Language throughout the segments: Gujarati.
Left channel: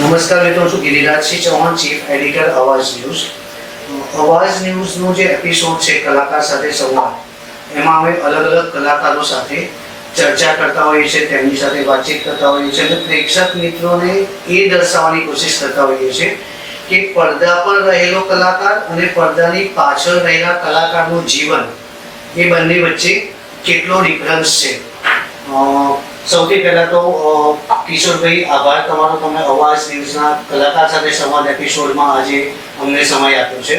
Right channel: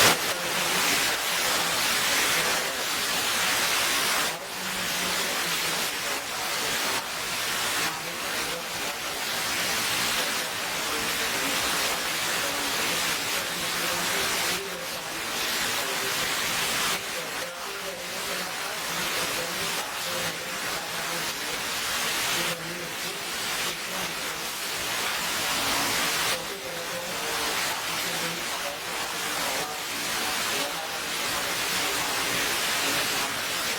નમસ્કાર મિત્રો, છું ગિરિરાજસિંહ ચૌહાણ, ચીફ એડિટર અવાજ ન્યૂઝ. અવાજ ન્યૂઝનો જે એપિસોડ છે કલાકાર સાથે સંવાદ, એમાં અમે અલગ અલગ કલાકારો સાથે ચર્ચા કરતા હોઈએ છીએ, તેમની સાથે વાતચીત કરતા હોઈએ છીએ અને પ્રેક્ષક મિત્રોને એ દર્શાવવાની કોશિશ કરતા હોઈએ છીએ કે પડદા પર રહેલો કલાકાર અને પડદાની પાછળ રહેલા કલાકારનું જીવન, એ બંને વચ્ચે કેટલો ડિફરન્સ છે. સૌથી પહેલાં તો કિશોરભાઈ, આભાર તમારો, તમે અવાજ ન્યૂઝના કલાકાર સાથે સંવાદ એપિસોડમાં આજે અમને સમય આપ્યો છે.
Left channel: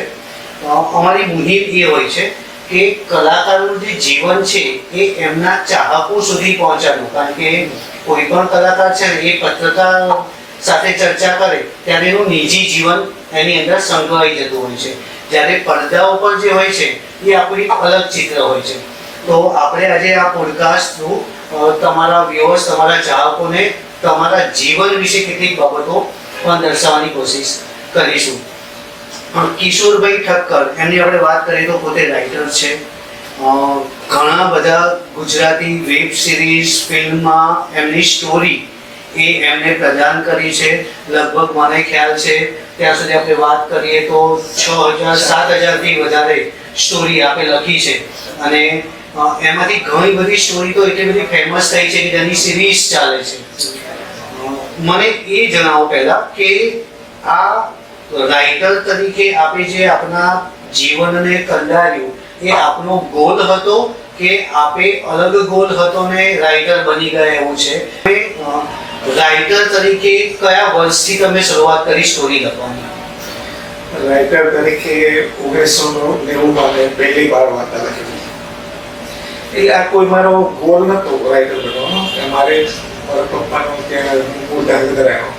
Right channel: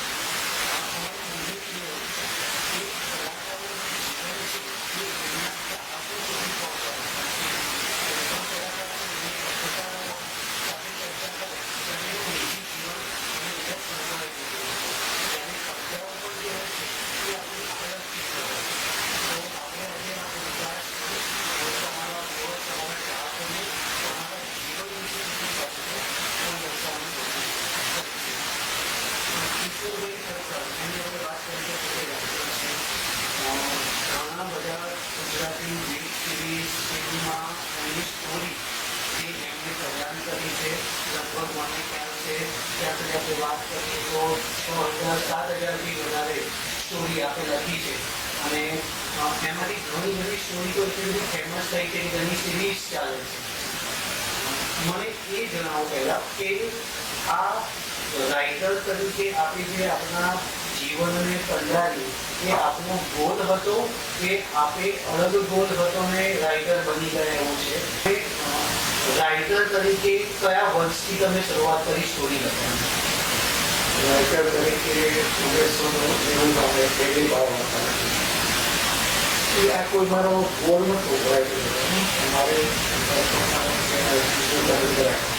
અમારી મુહિમ એ હોય છે કે કલાકારનું જે જીવન છે એ એમના ચાહકો સુધી પહોંચાડવું, કારણ કે કોઈ પણ કલાકાર છે ને એ પત્રકાર સાથે ચર્ચા કરે ત્યારે એનું નિજી જીવન એની અંદર સંકળાઈ જતું હોય છે, જ્યારે પડદા ઉપર જે હોય છે એ આપણું અલગ ચિત્ર હોય છે. તો આપણે આજે આ પોડકાસ્ટ થ્રુ તમારા વ્યુઅર્સ, તમારા ચાહકોને તમારા જીવન વિશે કેટલીક બાબતો પણ દર્શાવવાની કોશિશ કરીશું. કિશોરભાઈ ઠક્કર, એમની આપણે વાત કરીએ તો પોતે રાઇટર છે. ઘણા બધા ગુજરાતી વેબ સિરીઝ, ફિલ્મમાં એમની સ્ટોરી એ એમને પ્રદાન કરી છે. લગભગ મને ખ્યાલ છે ત્યાં સુધી આપણે વાત કરીએ તો 6,000-7,000થી વધારે સ્ટોરી આપે લખી છે અને એમાંથી ઘણી બધી સ્ટોરી તો એટલી બધી ફેમસ થઈ છે કે તેની સિરીઝ ચાલે છે. મને એ જણાવો પહેલા કે આ રાઇટર તરીકે આપણે જે આપણા જીવનને કંડાર્યું, એ આપનો ગોલ હતો કે આપે અલગ ગોલ હતો ને રાઇટર બની ગયા એવું છે? રાઇટર તરીકે કયા વર્ષથી તમે શરૂઆત કરી સ્ટોરી લખવાની? રાઇટર તરીકે 1990 પહેલી વાર વાર્તા લખી. એટલે આ કોઈ મારો ગોલ નતો રાઇટર બનવાનો. મારે પપ્પાનો ત્યાં ઉદાહરણ કરાયો.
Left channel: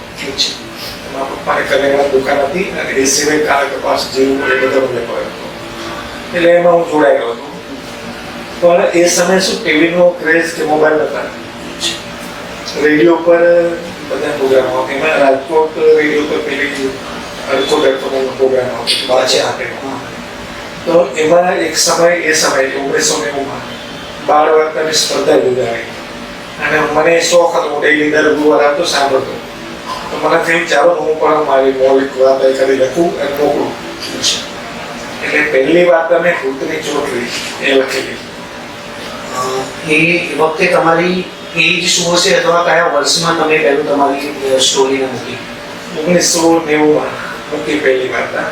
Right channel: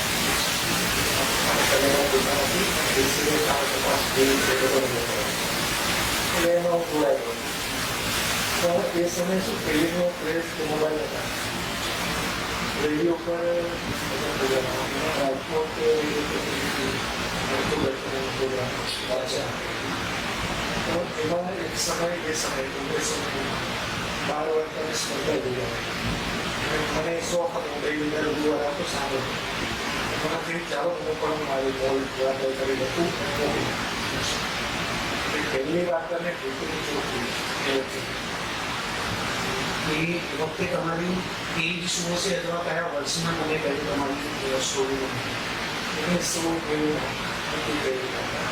પપ્પાને કરેલા દુકાન હતી અને એ સિવાય કાળા કપાસ જેવું બધો વેપાર, એટલે એમાં હું જોડાયેલો હતો. પણ એ સમયે શું ટીવીનો ક્રેઝ કે મોબાઈલ નતા, રેડિયો પર બધા પ્રોગ્રામો, એમાં રાજકોટ રેડિયો પર પેલી અડધો પ્રોગ્રામ આવતો. તો એમાં એક સમય, એ સમયે 1990 બાળ વાર્તાની સ્પર્ધા યોજાઈ અને મને શોખ હતો, હું ડેઈલી દર ગુરુવાર આવતો સાંભળતો. તો મને થયું ચાલો હું પણ મારી મૌલિક વાર્તા કરી લખું અને મોકલું. એટલે પહેલી વાર્તા મેં ભૂતની ચોટલી એ લખેલી. એ વખતે તમારી એજ શું હશે અથવા કયા વર્ષમાં તમે પહેલું તમારી સ્ટોરીને મૂકી? 1990 મૂકી પહેલી વાર્તા.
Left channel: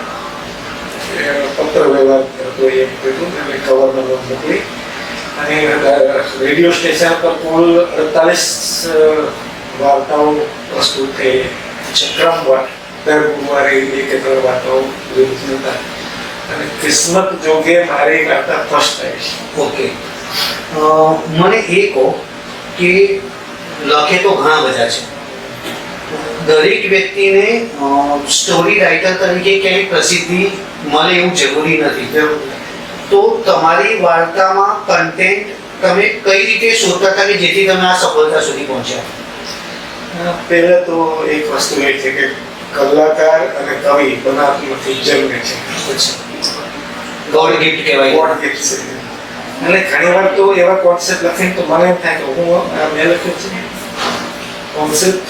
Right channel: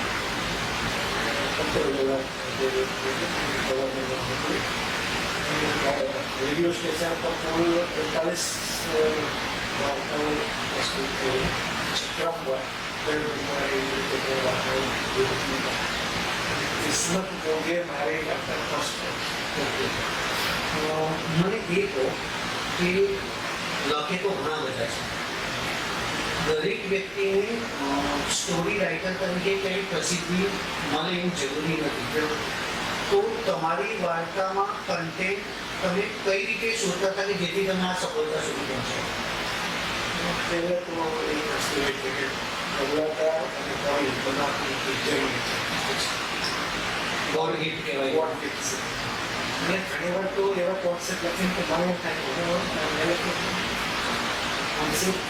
પત્ર વ્યવહાર હતો એ મૂક્યું અને કવરમાં મોકલી. અને રેડિયો સ્ટેશન પર કુલ 48 વાર્તાઓ પ્રસ્તુત થઈ છે. ક્રમવાર દર ગુરુવારે 1-3 વાર્તાઓ હતા અને કિસ્મત જોગે મારી વાર્તા ફર્સ્ટ થાય છે. ઓકે, મને એ કહો કે લખે તો ઘણા બધા છે, દરેક વ્યક્તિને સ્ટોરી રાઇટર તરીકે ક્યાંય પ્રસિદ્ધિ મળે એવું જરૂરી નથી. તો તમારી વાર્તામાં કન્ટેન્ટ તમે કઈ રીતે શોધતા હતા કે જેથી તમે આ સફળતા સુધી પહોંચ્યા? પહેલા તો એક વસ્તુ એ છે કે કલાકાર અને કવિ બનાવતી જરૂરી છે. ગોડ ગિફ્ટ કહેવાય. ગોડ ગિફ્ટ છે. અને ઘણી વાર તો એવા કોન્સેપ્ટ લખીને તો મને એમ થાય કે હું મેં લખ્યું છે કોન્સેપ્ટ,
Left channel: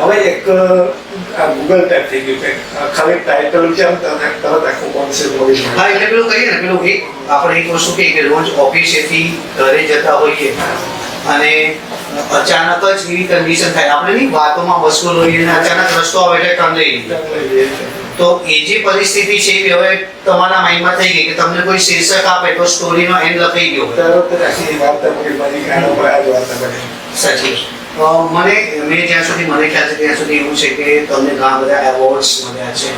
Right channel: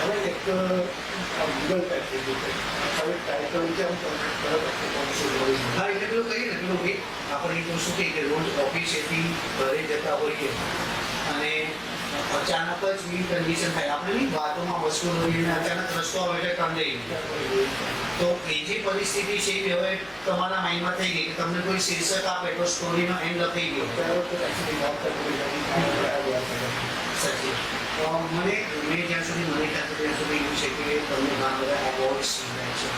હવે એક ગૂગલ ટાઈપ થઈ ગયું કે ખાલી ટાઇટલ વિચારતા તરત આખું કોન્સેપ્ટ મળી જાય. હા, એટલે પેલું કહીએ ને, પેલું એક આપણે એક વસ્તુ કહીએ કે રોજ ઓફિસેથી ઘરે જતા હોઈએ અને અચાનક જ એવી કન્ડિશન થાય, આપણે નહીં વાતોમાં મશગુલ હોઈએ અને અચાનક રસ્તો આવે એટલે ટર્ન લઈ લઈએ. તો એ જે પરિસ્થિતિ છે એ હવે તમારા માઇન્ડમાં થઈ ગઈ કે તમને કોઈ શીર્ષક આપે તો સ્ટોરીનો એન્ડ લખાઈ ગયો. તરત જ આખી વાર્તા પૂરી બની કે આના પર આ જ વાર્તા બની. સાચી. મેં જ્યાં સુધી મને ખ્યાલ છે ત્યાં સુધી એવું છે કે તમને ઘણા બધા એવોર્ડ્સ મળ્યા છે.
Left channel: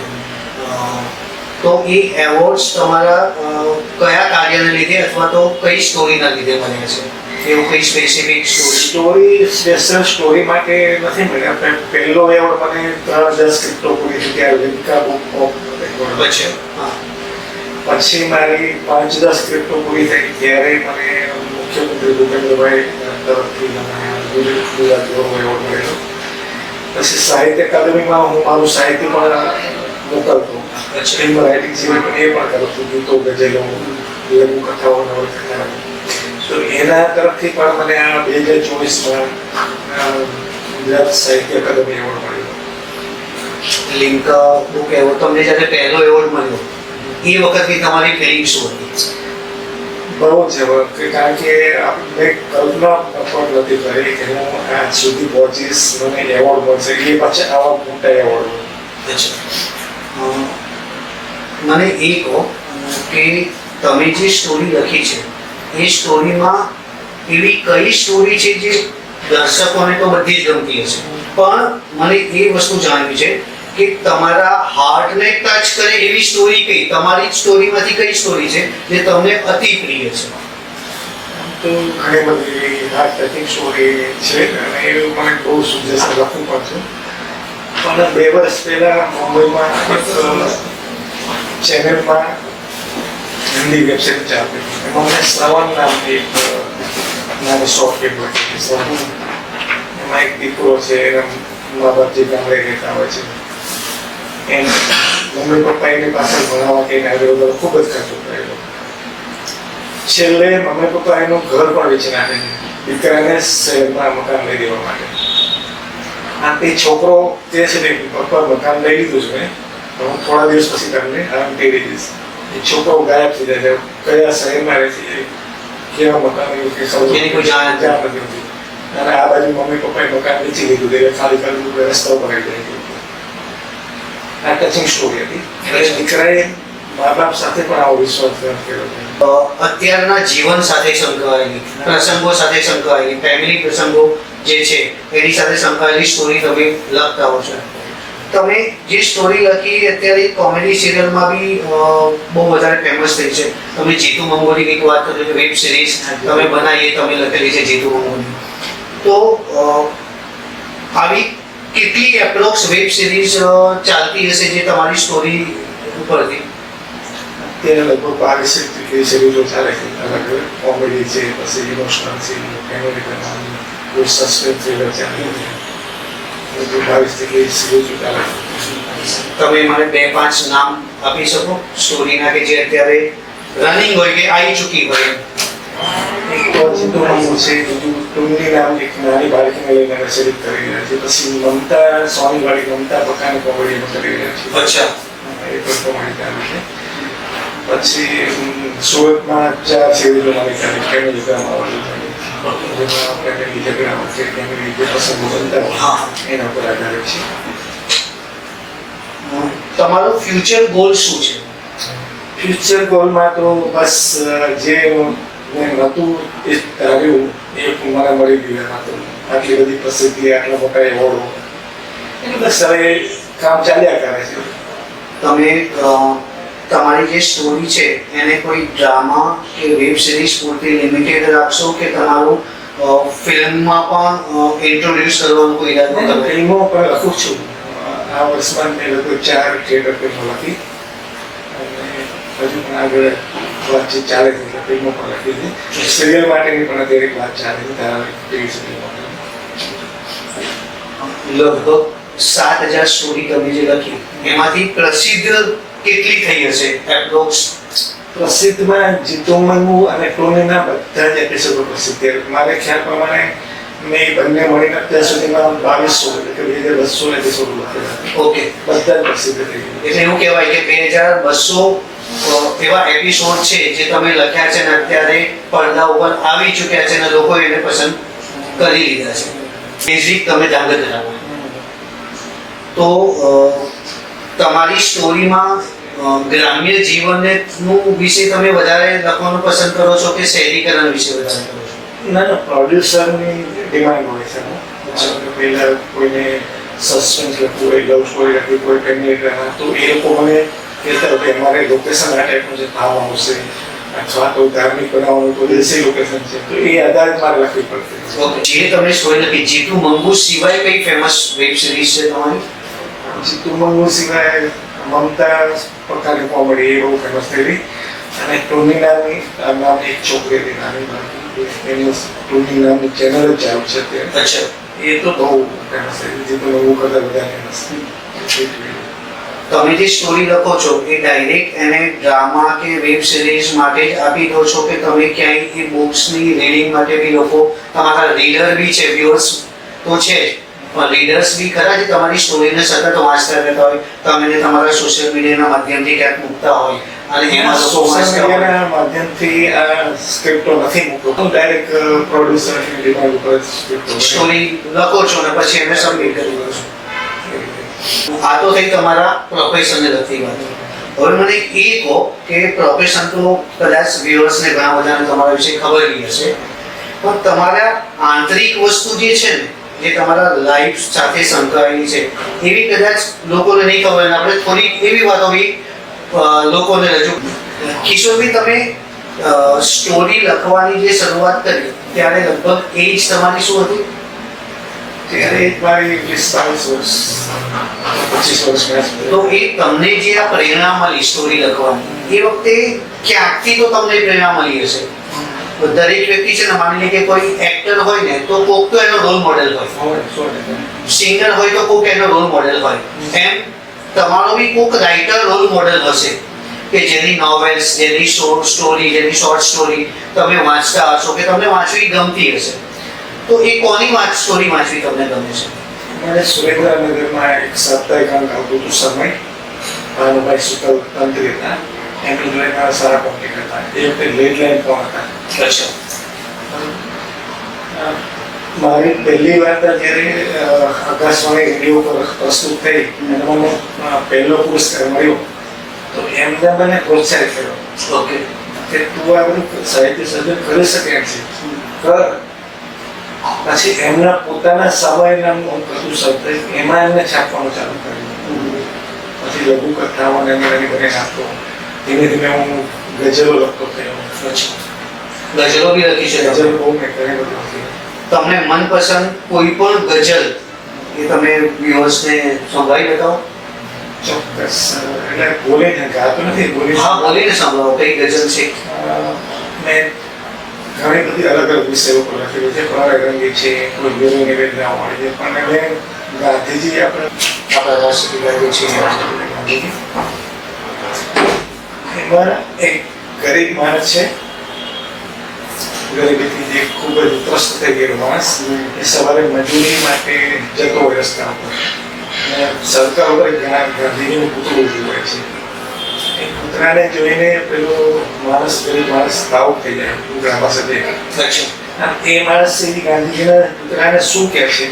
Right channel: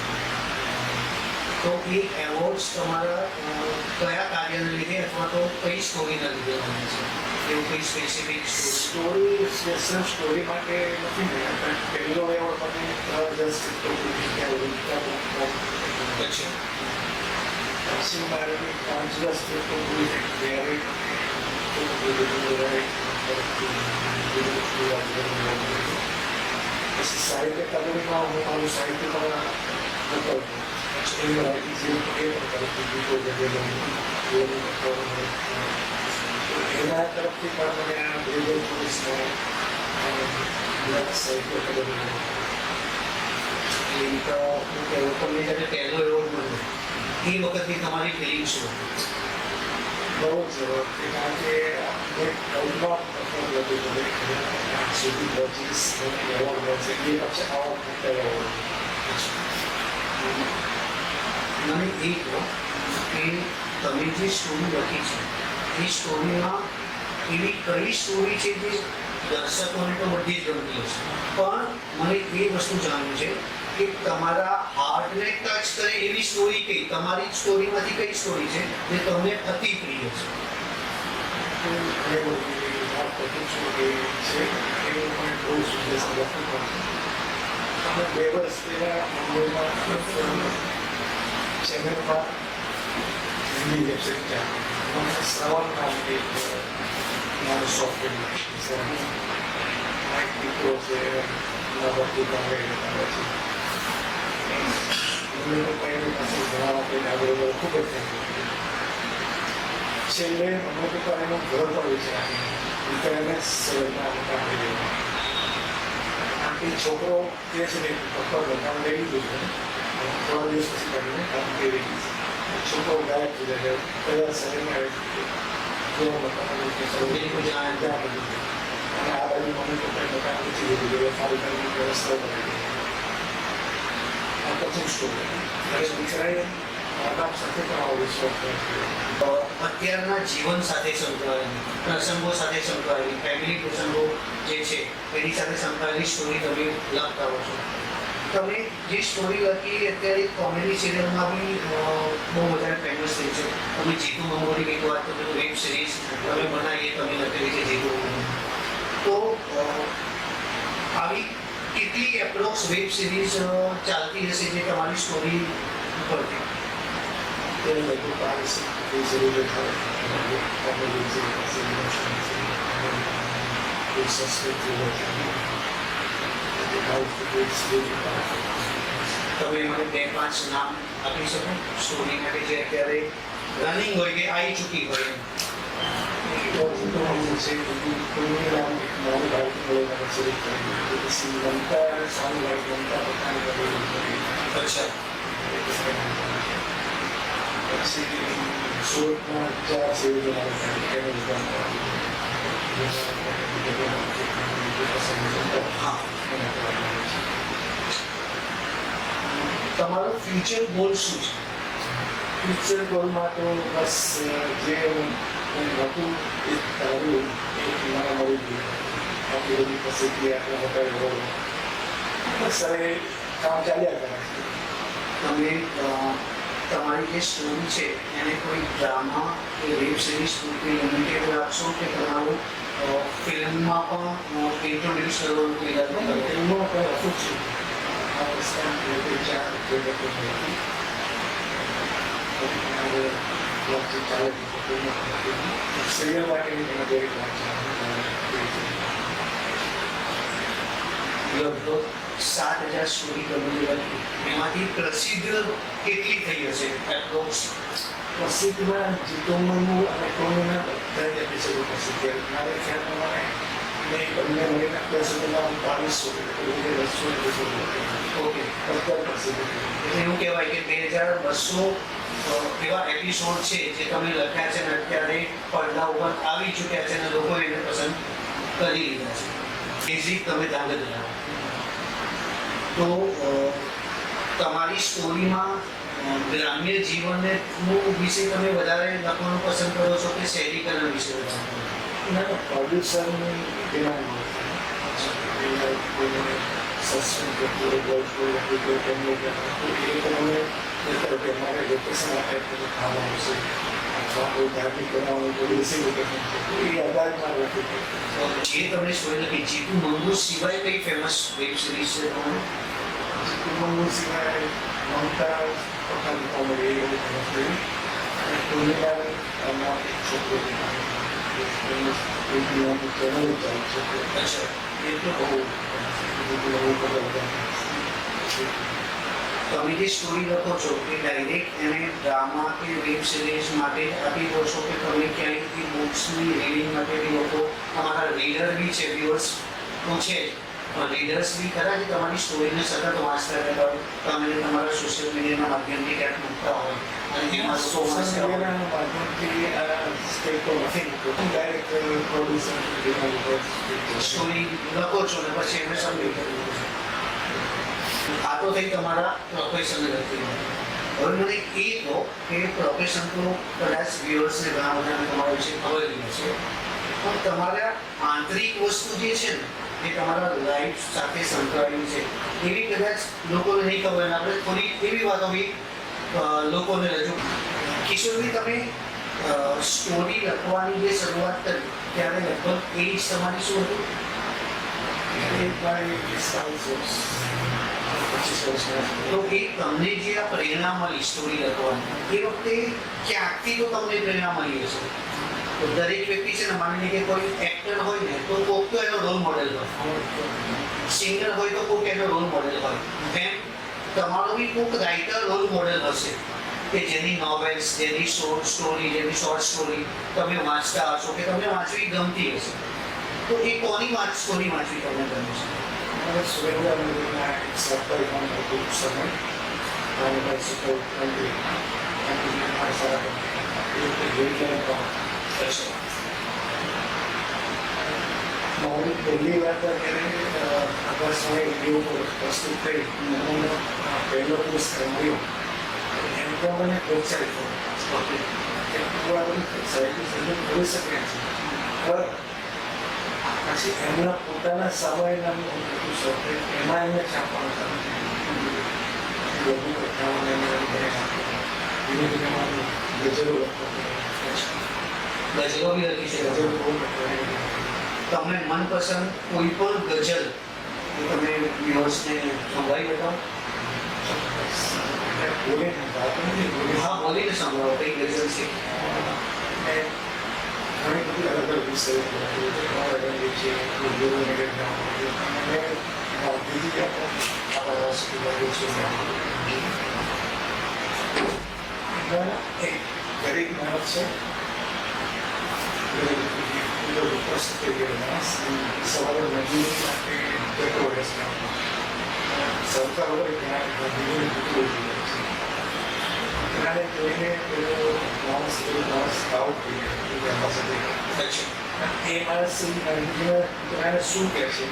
તો એ એવોર્ડ્સ તમારા કયા કાર્યને લીધે અથવા તો કઈ સ્ટોરીના લીધે મળ્યા છે? એવું કઈ સ્પેસિફિક સ્ટોરી સ્પેશિયલ સ્ટોરી માટે નથી મળ્યા. પહેલો એવોર્ડ મને 10 સ્ક્રિપ્ટો પૂરી થઈ ત્યારે વિકા બુક ઓફ પછી મારી 5-10 સ્ક્રિપ્ટો પૂરી થઈ ત્યારે મને મુખ્યમંત્રી ભૂપેન્દ્રભાઈ તરફથી ગુજરાતી એવોર્ડ મળ્યો. પછી સાહિત્ય અકાદમીમાં હું મારું સાહિત્ય પણ મોકલતો. ફિલ્મ રાઇટિંગ સિવાય એ પણ કરતું, ગીતો, ગઝલો, લઘુકથાઓ, નવલકથા. તો એના તરફથી પણ મને આ 2024માં ગુજરાત સાહિત્ય અકાદમી એવોર્ડ મળ્યો. લિંક બુક એવોર્ડ તમને જ્યારે પહેલો એવોર્ડ મળ્યો એ વખતની તમારી ફિલિંગ શું હતી? બહુ જ કારણ કે આપણે કલ્પના પણ નથી કરી કે હું આજ સુધી પહોંચીશ, મને એવોર્ડ મળશે, એ પછી આવા મોટા એવોર્ડ. મને એ કહો કે તમે જે સ્ટોરી લખી છે એ સ્ટોરીમાં એવી કઈ સ્ટોરી છે જે દર્શકોને તો બધી જ ગમતી હશે, પણ મને એ વસ્તુ જાણવી છે કે તમારા હાર્ટને ટચ કરે એવી સ્ટોરી કઈ, તમારી સ્ટોરીમાંથી કઈ સ્ટોરી છે જે તમને અતિ પ્રિય છે? તો ઘણી બધી હાર્ટ ટચિંગ સ્ટોરી છે અને એ મને બહુ સુજેસ્ટ લખવું પણ છે. પણ 2 વર્ષ પહેલા મુંબઈમાં એક ચેનલમાં હિન્દી વેબસાઇટ ચાલતી હતી. એમાં મને શ્રવણ નામની એક નાનો શોખ ફિલ્મ હતી. એમાં એક દીકરો છે, મા બાપ જે ગામડે રહેતા હોય છે, એમ મમ્મી પપ્પા એની પાછળ ભણાવવા કે આગળ ખૂબ જ ખર્ચો કરેલો. છેલ્લે મમ્મી પપ્પા એનું ઘર પણ વેચી નાખે, દીકરાને શહેરમાં મકાન લઈ દેવા માટે. આ તે છોકરો જે છે ને પપ્પા મકાન લઈ લીધું છે, હું થોડા દિવસ પછી તમને આરામ કરી દઈશ. એ છોકરો ગાયબ થઈ જાય, કયા શહેરમાં રહે છે, કેવા મકાન એની કોઈ જાણ નથી. અને આ બાજુ મમ્મી પપ્પાએ મકાન વેચી લીધું, એટલે ખાલી કરવું રસ્તા ઉપર આવી ગઈ. આ ટચિંગ સ્ટોરી હતી. દીકરાએ મા બાપ સાથે પણ આવો વિશ્વાસ કર્યો. અત્યારના જીવન સાથે સંકળાયેલી, પ્રસંગો સાથે સંકળાયેલી, ફેમિલી પ્રસંગો જે છે એની સાથે સંકળાયેલી સ્ટોરી તમે લખતા હો છો. તમે જે સ્ટોરી લખી અત્યારે કોમેડી સિરિયલમાં બી બહુ વધારે ફેમસ થઈ છે. તમે જીતુ મંગોની એક વાત કરી, વેબ સિરીઝ તમે બનાવી, તમે લખેલી છે જીતુ મંગોની. તો આવી કેટલી એપ્રોક્સ વેબ સિરીઝ ચાલતી હશે જે તમારી સ્ટોરી ઉપરથી? તેને લગભગ 12 જેટલી સિરીઝો ચાલે છે. અલગ કોમેડી છે, પછી ઇમોશનલ છે, ફેમિલી કહાની, કોઈ સસ્પેન્સ થ્રિલર છે. 22 જેટલી સિરીઝો ચાલે છે. તમે મને 2-5 નામ આપી શકો સ્ટોરીના કે જે અત્યારે રનિંગ હોય કે આવી ચૂકી હોય? એક તો જીતુ મંગુ છે, ટુંગી નામની એક નાની બાળકીને લઈને રચિત કરી રહ્યા છે. પછી મમતા સોનીવાળી મમતા પોતાની કોમેડી કરી રહ્યા છે. અચ્છા. એ પણ તમારી ચાલે છે. પછી સુરતમાં 4 સિરીઝો મારી ચાલે છે. ફેમિલી ડ્રામા એના પર આધારિત છે. તમારો ફ્યુચર ગોલ શું છે? ફ્યુચર ગોલમાં તો બસ જે મેં નહોતું એ ધાર્યું એ મને મળી ગયું હતું. આટલી બધી પ્રસિદ્ધિ, આટલા મોટા એવોર્ડો, બસ હવે કામ ચાલ્યા કરે છે. તમે તમારી જે સ્ટોરી છે એને કોઈ ડ્રામા કે વેબ સિરીઝ પૂરતી લિમિટેડ રાખશો કે તમારું ફિલ્મમાં પણ ઇન્ટ્રોડ્યુસ કરવાનું કોઈ ઈરાદો હું તમે? ફિલ્મો પણ લખું છું. આ વર્ષમાં મેં લગભગ 4 થિયેટર ફિલ્મો લખી. હજુ પણ આગળ વાતચીત ચાલે છે. ફિલ્મો પણ લખી હતી. સિરિયલ માટેની પણ અત્યારે એક વાત ચાલે છે. લગભગ 7,000 સ્ટોરી તમે જે લખી એમાંથી પ્રસિદ્ધ કેટલી થઈ હશે એપ્રોક્સ? પ્રસિદ્ધમાં જીતુ મંગુ અને ટોનીના બધા જ એપિસોડો પ્રસિદ્ધ. મારે ખ્યાલ પ્રમાણે મેં બંને મળીને અત્યાર સુધીમાં 2200 એટલે 2200 એપિસોડ લખેલા. ઓકે, બધા જ પ્રસિદ્ધ થઈ ગયા. એટલે એવું કહેવાય કે 2,200 એવા એપિસોડ છે જે તમે લખ્યા છે અને અત્યારે પડદા ઉપર આવી ચૂક્યા છે અને લોકો એને પસંદ કરી લીધા છે. બેઝિક તમે ધાંગધ્રા, તો તમારી સ્ટોરીમાં ગ્રામ્ય જીવનને વિશે તમે વધારે લખવાનું પસંદ કરો છો કે શહેરીકરણ વિશે વધારે કરો છો? ના, પ્રોડ્યુસરની ડિમાન્ડ હોય છે. પહેલાં કોઈને સસ્પેન્સ લખવું હોય, લવ સ્ટોરી લખવી હોય, ફેમિલી ડ્રામા, તો એ લોકો મને કહેતા હોય કે અમારે લોકેશન આ ટાઈપનું છે, ખાવાનું આવશે, અથવા કોઈ ધાર્મિક બનાવવાનું કોઈ દેશી લોકેશન છે, તો એ આધારિત મારે લખવી પડશે. જે તમે સ્ટોરી લખી જીતુ મંગુ સિવાય કઈ ફેમસ વેબ સિરીઝ છે તમારી? જીતુ મંગુ સિવાય મમતા પોતાની કોમેડી એ બહુ ફેમસ થયેલી. અને ટોની નામની એક છોકરી હતી નાની, એમની ટોની નામની ચેનલ જ ચાલુ છે અત્યારે. અચ્છા. એ તો બહુ ફેમસ થઈ. જીતુ મંગુ કરતાં બધા ફેમસ થઈ. તમે જે સ્ટોરી લખો છો એ ડાયરેક્ટ એને ડ્રામા કે વેબ સિરીઝ માટે જ આપી દો છો કે તમે ક્યાંય એ બુક્સની રીડિંગ માટે બી લોકો, તમારા રીડર બી છે, વ્યુઅર્સ તો છે જ, લીડર્સ બી ખરા જે તમારી સ્ટોરીને સતત વાંચતા રહેતા હોય, તમે એને તમારા સોશિયલ મીડિયાના માધ્યમથી ક્યાંક મૂકતા હોય અને એમાં લોકો સોશિયલ વાંચતા હોય? મીડિયાના માધ્યમથી આ સ્ક્રિપ્ટો નથી મૂકતો, હું ડાયરેક્ટ પ્રોડ્યુસર ડિમાન્ડ ઉપર સ્ક્રિપ્ટો સ્ટોરી લખો છો અને પછી એને સબમિટ કરી દો છો. આ તો થઈ તમારા પ્રોફેશનને લગતી વાત. હવે મને એ કહો કે પ્રોફેશન તો કદાચ વ્યુઅર્સને ઘણા બધાને તમારા વિશે ખબર બી હશે, પણ તમારા આંતરિક વસ્તુ જે છે ને, જે તમારા લાઈફ સાથે સંકળાયેલી છે, એવી કદાચ લોકોને નહીં ખબર. અને આપણે થોડીક એવી વાતો બી લોકોને રજૂ. કિશોરભાઈ, તમે સ્ટોરી લખવાની જે શરૂઆત કરી ત્યારે લગભગ એજ તમારી શું હતું? ત્યારે એક મારી 20-22 વર્ષ 25 વર્ષ તો એ તમને જે આ પ્રેરણા મળી સ્ટોરી લખવાની, એ વખતે ક્યાંકથી તો તમને પ્રેરણા મળી હશે. તો દરેક વ્યક્તિ છે ને, માની લે કે કોઈ એક્ટર હોય ને તો કોક તો એનો રોલ મોડેલ હોય, સિંગર હોય તો કોક એનો રોલ મોડેલ હોય. એમ તમારો બી કોક રાઇટર રોલ મોડેલ હશે કે જેની નોવેલ્સ, જેની સ્ટોરી, જેની શોર્ટ સ્ટોરી તમે વાંચતા હશો કે તમને વાંચવી ગમતી હશે. તો એ કોની સ્ટોરી વાંચવી તમને ગમે છે? મારે સુરેન્દ્રનગરમાં એક સાપ્તાહિક અંક આવતું હતું સમય, ભાનુભાઈ શુકલ તંત્રીના, એમની જોડે મારા સારા કોન્ટેક્ટ હતા. એ વખતે લેટ લાઈન પણ હતા. અચ્છા. મારી પહેલી વાર્તા જ્યારે આકાશવાણી રેડિયો પર પ્રસ્તુત થઈ અને મને પહેલો પુરસ્કાર મળ્યો, તો એમને મને પ્રોત્સાહિત કર્યો ઓકે. કે તું આ બધું સાહિત્ય સર્જન કરી શકે એમ છે, કર. પછી એમના પોતાના સમયના બધું શબ્દ એમાં એમને છાપવાનું ચાલુ કર્યું. પછી લઘુ કથાઓ અને એમને કરીને આપતો. ધીમે ધીમે હું ગઝલો લખતો થયો. ગઝલો બી લખી છે? ગઝલ બહુ મેં ઘણી બધી લખી. તમને મનપસંદ કોઈ પણ ગઝલ એ તમે વ્યુઅર્સને સંભળાવી બતાવો? ચોક્કસ. એટલે બોલીને ગાતો નથી, બોલી. હા, બોલીને સંભળાવો. કઈ ગઝલ છે? મેં ઘણી બધી અલગ અલગ વિષયો પર લખેલું છે. પ્રણયરંગી છે, કોઈ ગુરુ નિવેદના હોય છે, પણ મેં ગાંધીજી આપણા રાષ્ટ્રપિતા છે એમાં એક ગરીબ માણસ છે, ગરીબીથી જે ખૂબ જ ત્રસ્ત થઈ ગયેલો માણસ, એ સવારે મજૂરી માટે જતો હોય રસ્તા ઉપર. અને સરકાર ઉપર ઘણા ગાંધીજીનું પૂતળું જોવે છે. એ પૂતળાને જોઈને પેલો માણસ, ગરીબ માણસ ભાવુક થઈ જાય પૂતળા પાસે જઈને. એ માણસ ગાંધીજીના પૂતળાને શું કહે છે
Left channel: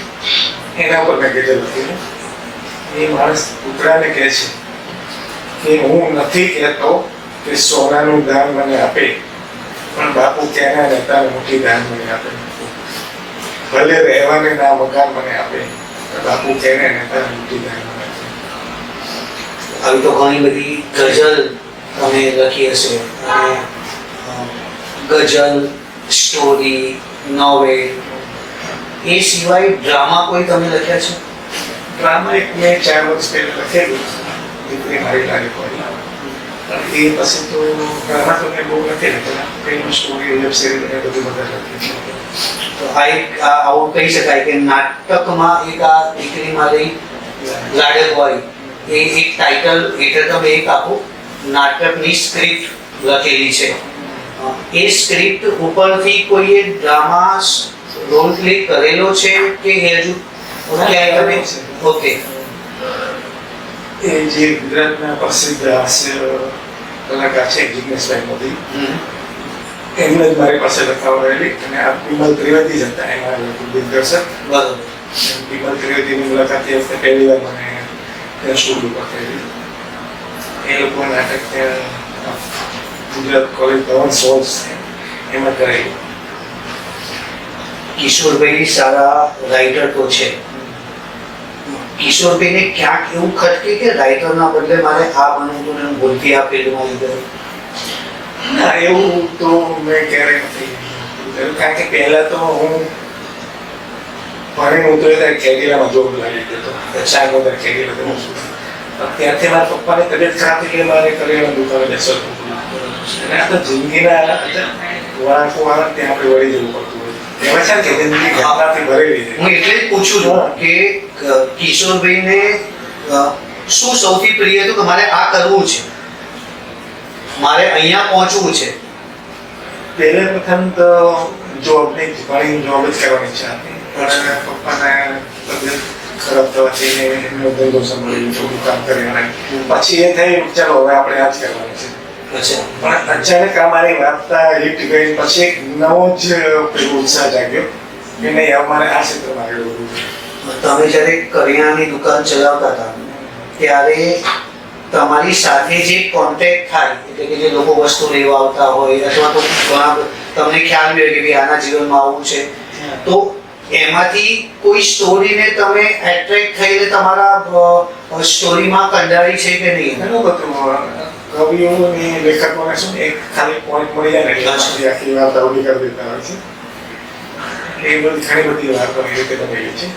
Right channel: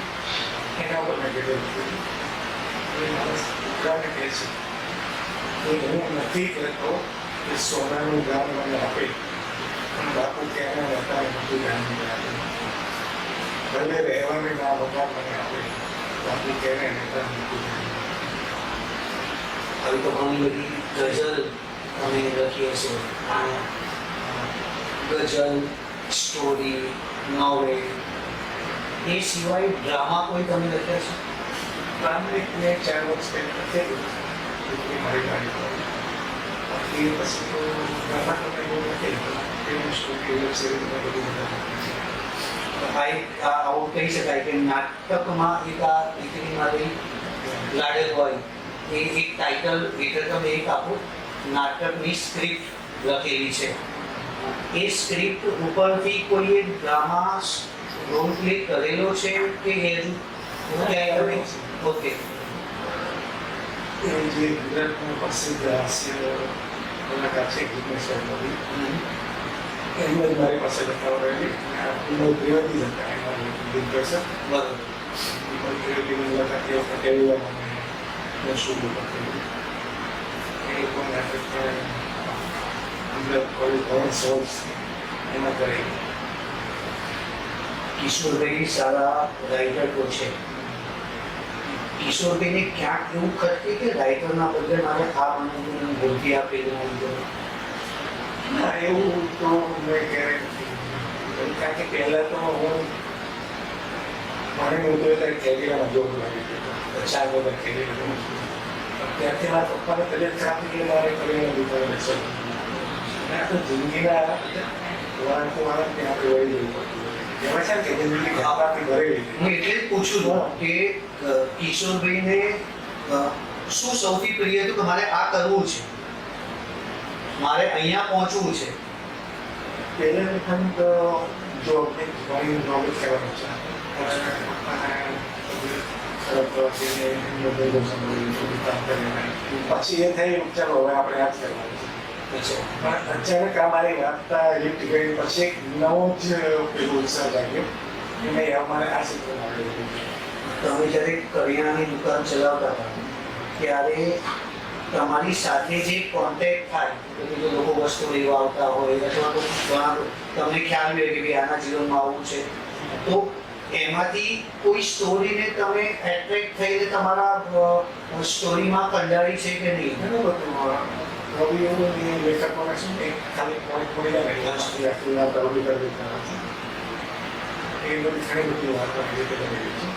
એના ઉપર મેં ગઝલ લખેલું. એ માણસ પૂતળાને કહે છે કે હું નથી કહેતો કે સોનાનું દાન મને આપે, પણ બાપુ ત્યાંના નેતાને મોટી દાન મને આપે. ભલે રહેવાને ના મકાન મને આપે, બાપુ ત્યાંના નેતાને મોટી દાન મને આપે. આવી તો ઘણી બધી ગઝલ તમે લખી હશે. અને ગઝલ, સ્ટોરી, નોવેલ, એ સિવાય ડ્રામા કોઈ તમે લખ્યા છે? ડ્રામા એક મેં 4 વર્ષ પહેલાં લખેલું, દીકરી મારી લાગે પડે. એ પછી તો ડ્રામા તો મેં બહુ નથી લખેલા. ફિલ્મ, સ્ટોરી, વેબ સિરીઝ અને બધું બધા લખેલું. તો આ એક આવું કહી શકાય કે નાટકમાં એક આ દીકરી મારી લાડક હોય એ એક ટાઇટલ હેઠળ તમે એક આખું નાટકની સ્ક્રિપ્ટ લખેલી છે. એ સ્ક્રિપ્ટ ઉપરથી કોઈએ ડ્રામા રોલ પ્લે કરેલો છે કે એ હજુ ક્યાંય તમે? ઓકે. એ જે ગુજરાતના પ્રસિદ્ધ હાસ્ય કલાકાર છે જિગ્નેશભાઈ મોદી, એમને જ મારી પાસે લખાવડાવેલી. અને આ વિમલ ત્રિવેદી જ હતા એના દિગ્દર્શક. બરોબર. વિમલ ત્રિવેદીની મુલાકાત એ વખતે પહેલી વાર મને સ્ટુડિયો પર થયેલી. એ લોકો નાટક ગુજરાત કોલેજ ભવન સોલ્સ એમાં કરેલું. કિશોરભાઈ સારા રાઇટર તો છે. કિશોરભાઈને ક્યાંક એવું ખટકે કે રાઇટરના બદલે મારે આ બનવું હતું ને ભૂલથી આ ફિલ્ડમાં લીધું? ના, એવું તો મેં ક્યારેય નથી કર્યું. કારણ કે પહેલાં તો હું ભણીને ઉતર્યો ત્યારે કેરીલામાં જોબ લાગી ગયો હતો. 4 બધા કેરીલા તો ત્યાંથી મારા પપ્પાની તબિયત ખરાબ થઈ ગઈ, મારે કરિયાણાની દુકાને બેસવું હતું. અને આ તો જિંદગીના વળાંકો આવે ત્યાં આપણે વળી જવું પડતું હોય. એમાં છે ને કે જિંદગી ઘટનાથી ભરેલી છે. હું એટલે જ પૂછું છું કે કિશોરભાઈને શું સૌથી પ્રિય હતું કે મારે આ કરવું છે, મારે અહીંયા પહોંચવું છે? પહેલે પ્રથમ તો જોબની ઘણી જોબ જ કરવાની ઈચ્છા હતી. પણ પપ્પાના તબિયત ખરાબ થવાથી એમનો ધંધો સંભાળ્યો, થોડું કામ કરે. પછી એ થયું ચાલો હવે આપણે આ જ કરવાનું છે. પણ અચાનક આ મારી વાર્તા હિટ ગઈ પછી એક નવો જ પેલો ઉત્સાહ જાગ્યો કે નહીં અમારે આ ક્ષેત્રમાં આગળ વધવું છે. તમે જ્યારે કરિયાણાની દુકાન ચલાવતા હતા ત્યારે તમારી સાથે જે કોન્ટેક્ટ થાય એટલે કે જે લોકો વસ્તુ લેવા આવતા હોય અથવા તો ઘણા તમને ખ્યાલ બી હોય કે ભાઈ આના જીવનમાં આવું છે, તો એમાંથી કોઈ સ્ટોરીને તમે એટ્રેક્ટ થઈને તમારા સ્ટોરીમાં કંડારી છે કે નહીં? ઘણું બધું કવિઓ અને લેખકોને શું એક ખાલી પોઈન્ટ મળી જાય ને એટલે પછી આખી વાર્તા ઉભી કરી દેતા હોય છે. એ બધી ઘણી બધી વાર્તો એ રીતે બનેલી છે.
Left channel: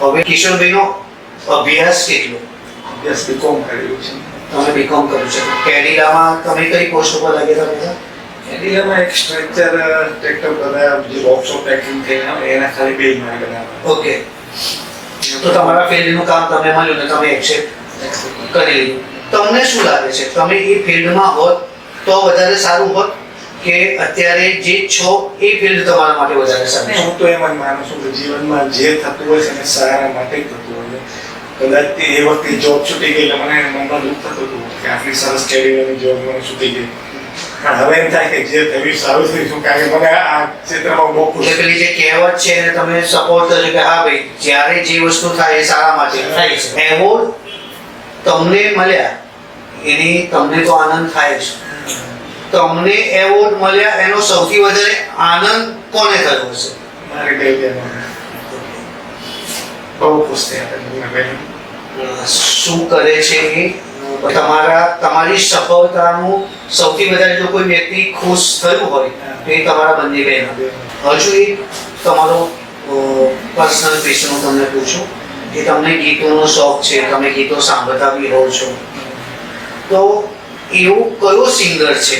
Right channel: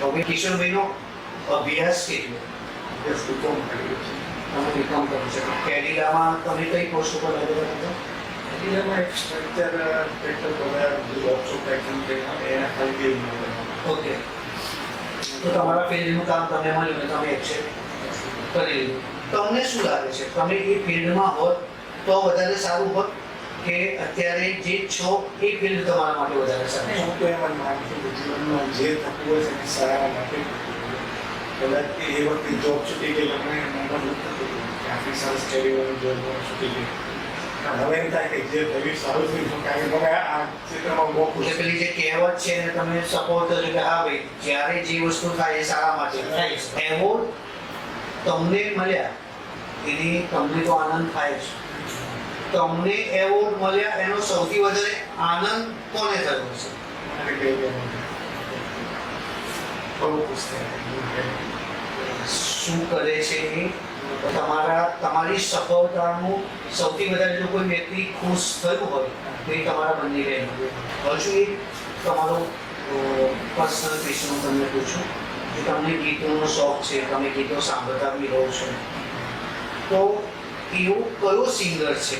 હવે કિશોરભાઈનો અભ્યાસ કેટલો? અભ્યાસ બીકોમ કરેલું છે. તમે બીકોમ કર્યું છે. કેનેડામાં તમે કઈ પોસ્ટ ઉપર લાગેલા હતા? કેનેડામાં એક સ્ટ્રક્ચર ટ્રેક્ટર બધા જે વર્કશોપ પેકિંગ કે એના ખાલી બે મહિના બધા. ઓકે, તો તમારા ફિલ્ડનું કામ તમે મળ્યું ને તમે એક્સેપ્ટ કરી લીધું. તમને શું લાગે છે તમે એ ફિલ્ડમાં હોત તો વધારે સારું હોત કે અત્યારે જે છો એ ફિલ્ડ તમારા માટે વધારે સારું? હું તો એમ જ માનું છું કે જીવનમાં જે થતું હોય છે એને સારા માટે જ થતું હોય. કદાચ એ વખતે જોબ છૂટી ગઈ એટલે મને મનમાં દુઃખ થતું હતું કે આટલી સરસ કેરિયરની જોબ મને છૂટી ગઈ. પણ હવે એમ થાય કે જે થયું સારું થયું શું, કારણ કે મને આ ક્ષેત્રમાં બહુ ખુશ. પેલી જે કહેવત છે એને તમે સપોર્ટ કરજો કે હા ભાઈ જ્યારે જે વસ્તુ થાય એ સારા માટે થાય છે. એવોર્ડ તમને મળ્યા એની તમને તો આનંદ થાય છે. તમને એવોર્ડ મળ્યા એનો સૌથી વધારે આનંદ કોને થયો હશે? મારી બેબી બહુ ખુશ થયા. શું કરે છે એ તમારી સફળતાનું સૌથી વધારે જો કોઈ વ્યક્તિ ખુશ થયું હોય તો એ તમારા બંને બહેન. હજુ એક તમારો પર્સનલ ક્વેશ્ચન હું તમને પૂછું કે તમને ગીતોનો શોખ છે, તમે ગીતો સાંભળતા બી રહો છો, તો એવું કયો સિંગર છે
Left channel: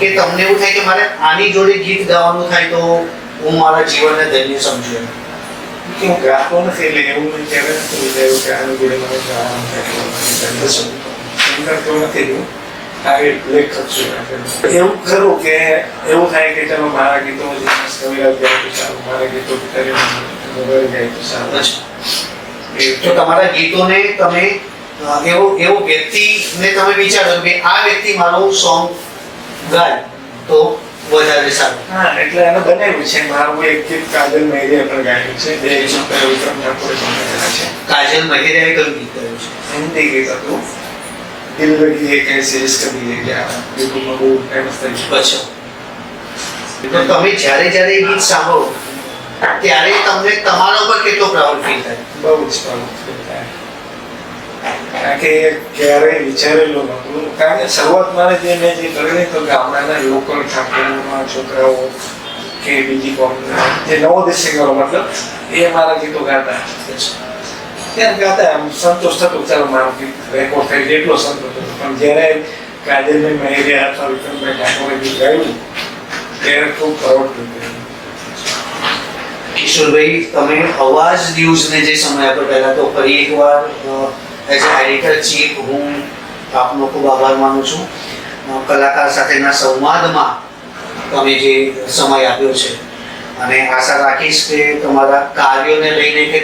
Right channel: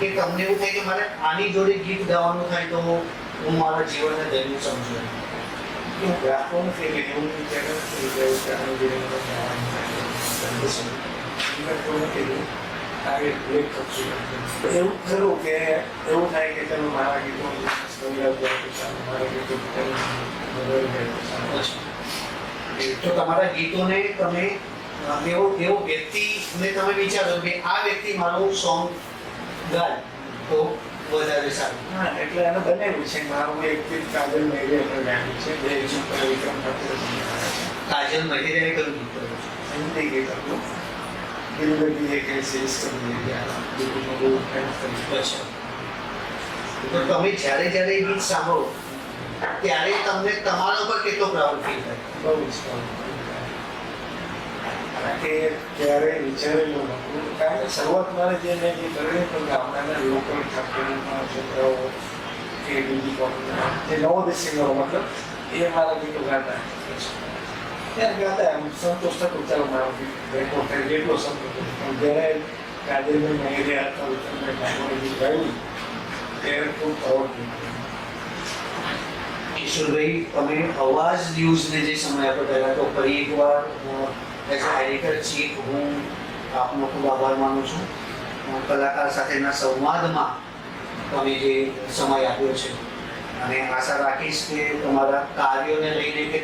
કે તમને એવું થાય કે મારે આની જોડે ગીત ગાવાનું થાય તો હું મારા જીવનને ધન્ય સમજુ? કે હું ગાતો નથી એટલે એવું નહીં ક્યારે નથી વિચાર્યું કે આનું જોડે મને ગાવાનું નથી. આ એક લેખક છું. એવું ખરું કે એવું થાય કે ચાલો મારા ગીતો કવિરાજ ગાય તો સારું, મારા ગીતો ગાય તો સારું. તો તમારા ગીતોને તમે એવો વ્યક્તિને તમે વિચારો કે આ વ્યક્તિ મારું સોંગ ગાય તો વધારે સારું? હા, એટલે એને બનાવ્યું છે. મારું એક ગીત કાજલ મહેરિયા પર ગાયું છે. બે વિક્રમ ઠાકોરે બનાવેલા છે. કાજલ મહેરિયાએ કયું ગીત ગાયું છે? હિન્દી ગીત હતું. દિલ લગી એક એસી ઇશ્ક દી હે ક્યા, યુટ્યુબમાં બહુ ફેમસ થઈ છે. અચ્છા, તો તમે જ્યારે એ ગીત સાંભળો ત્યારે તમને તમારા ઉપર કેટલો પ્રાઉડ ફીલ થાય? બહુ જ સારું થાય. કારણ કે ક્યારેય વિચારેલું નહોતું. કારણ કે શરૂઆત મારે જે મેં જે કરેલી તો ગામડાના લોકલ ઠાકોરમાં છોકરાઓ કે બીજી કોમના જે નવોદિત સિંગરો મતલબ એ મારા ગીતો ગાતા. ત્યાં ગાતા એમ સંતોષ થતો, ચાલો મારું ગીત રેકોર્ડ થઈ એટલો સંતોષ થતો. પણ જ્યારે કાજલભાઈ મહેરિયા અથવા વિક્રમભાઈ ઠાકોરે ગીત ગાયું ત્યારે ખૂબ પ્રાઉડ થયું. કિશોરભાઈ, તમે અવાજ ન્યૂઝને જે સમય આપ્યો પહેલા તો ફરી એકવાર એઝ અ એડિટર ચીફ હું આપનો ખૂબ આભાર માનું છું. કલાકાર સાથેના સંવાદમાં તમે જે સમય આપ્યો છે અને આશા રાખીશ કે તમારા કાર્યોને લઈને કે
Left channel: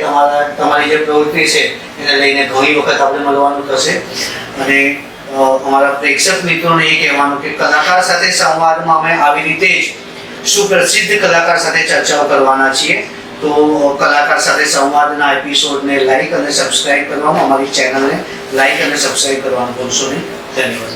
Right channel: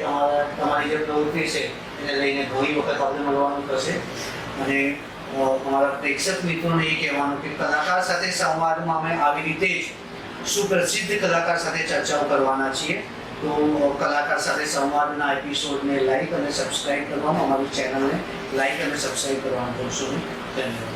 તમારી જે પ્રવૃત્તિ છે એને લઈને ઘણી વખત આપણે મળવાનું થશે. અને અમારા પ્રેક્ષક મિત્રોને એ કહેવાનું કે કલાકાર સાથે સંવાદમાં અમે આવી રીતે જ સુપ્રસિદ્ધ કલાકાર સાથે ચર્ચાઓ કરવાના છીએ. તો કલાકાર સાથે સંવાદના એપિસોડને લાઈક અને સબસ્ક્રાઇબ કરવાનું, અમારી ચેનલને લાઈક અને સબસ્ક્રાઇબ કરવાનું ભૂલશો નહીં. ધન્યવાદ.